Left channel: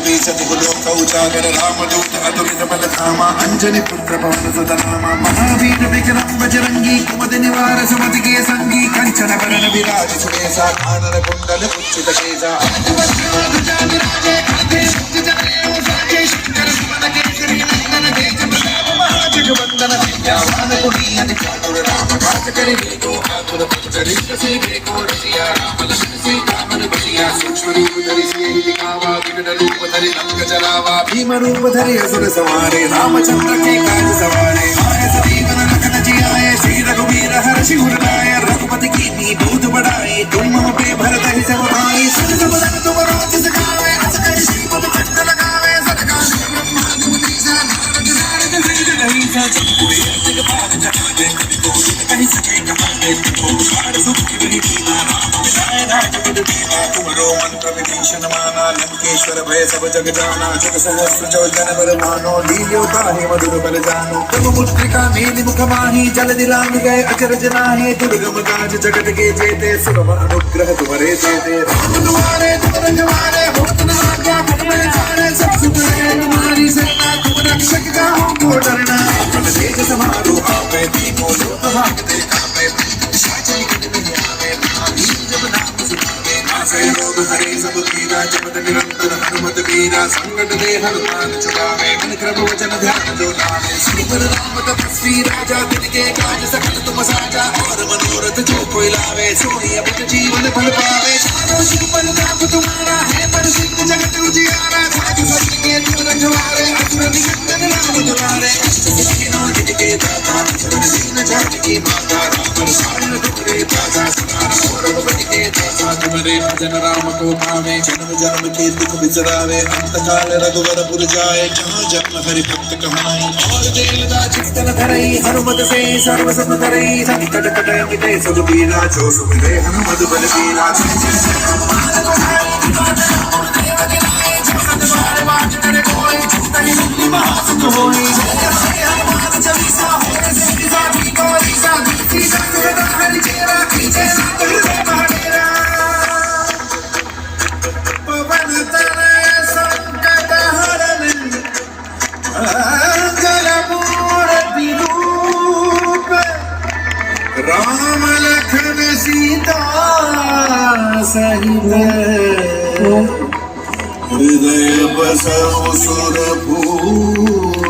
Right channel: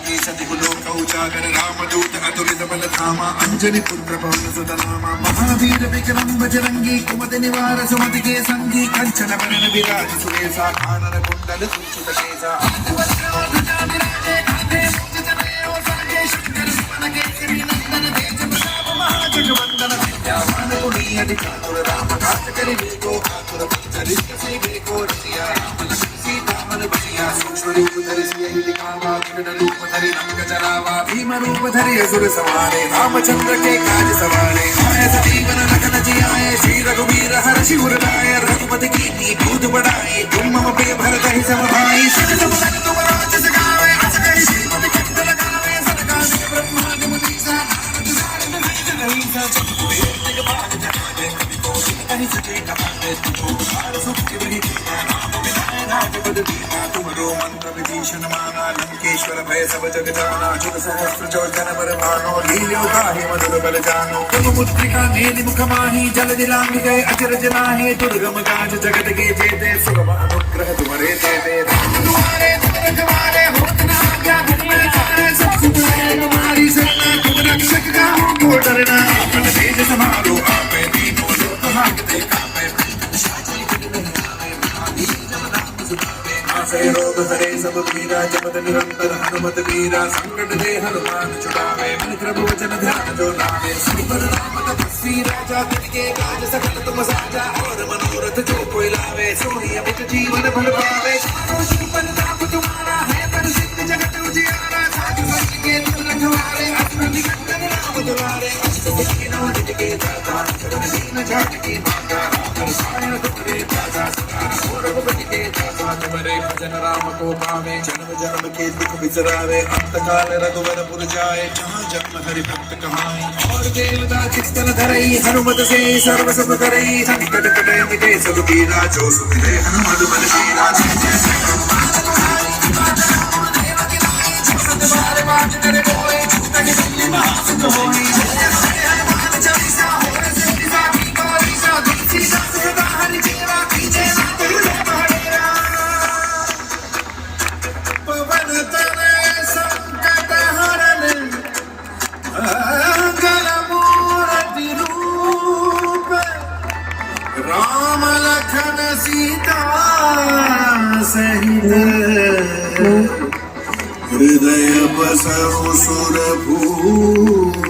कपि सतिकुलोक उजागर रामदूत अतुलित बलधामा अंजनी पुत्र पवन सुत नामा महावीर विक्रम बजरंगी कुमद निवार सुमति के संगी कंचन बरन विराज सुरेशा कानन कुंडल उच्चित केसा जगवंदन विद्यावान गुणी अति चातुर राम काज करे वेगो आतुर चरित्र से देखो रसिया राम लखन सीता मन बसिया सूक्ष्म रूप धरि सियहि दिखावा विकट रूप धरि रंग जलावा भीम रूप धरि असुर संहारे रामचंद्र के काज सवारे आए सजीवन लखन जियाए श्री रघुवीर हर्षि उर लाए रघुपति कीन्ही बहुत बड़ाई तुम मम प्रिय भरत ही सम भाई सिद्ध बदन तुम राज सगावे अस कहि श्रीपति कंठ लगावे सदका ब्रह्मादि मुनीसा कहीं सके कहानी तुमरो मंत्र विभीषण माना लंकेश्वर भय सब जग जाना जुग सहस्र चौजन पर मानो लील्यो ताहि मधुर बल जानो तुम मुद्रिका मेलि मुख माहि जल दिलांग गए अचरज नाहि दुर्गम काज जगत के जेते सुगम अनुग्रह तुम्हारे देते राम तुम्हारे दुख तुम्हारे होत न आज्ञा बिन मेरे सारे सब सुख है तुम्हारी शरणा तुम रक्षक का हो को डरना अपन तेज समारो आपे तीनों लोक हाकते कापे साचल गिन नहीं आवे महावीर जब नाम सुनावे नासै रोग हरे सब पीरा जपत निरंतर हनुमत वीरा संकट दे हनुमान छुड़ावे मन क्रम वचन ध्यान जो लावे सुपर राम तपस्वी राजा तिनके काज सकल तुम साजा और मनोरथ जो कोई लावे सोई अमित जीवन फल पावे चारों शिव पर ताप तुम्हारा है प्रसिद्ध जगत उजियारा साधु संत के तुम रखवारे असुर निकंदन राम दुलारे सखिनो निज के दाता शरण दीन जानकी माता राम रसायन तुम्हारे दाता सहारा और रघुपति के दाता तुम्हारे भजन राम को पावे जन्म जन्म के दुख बिसरावे अंत काल रघुवर पुर जाए जहाँ जन्म हरि भक्त कहाई और देवता चित्तन धरई हनुमत से सर्व सुख करई संकट कटै मिटै सब पीरा जो सुख दे हनुमत बल वीरा जय जय जय राम लखन सीता सहित हृदय बसहु सुरभूप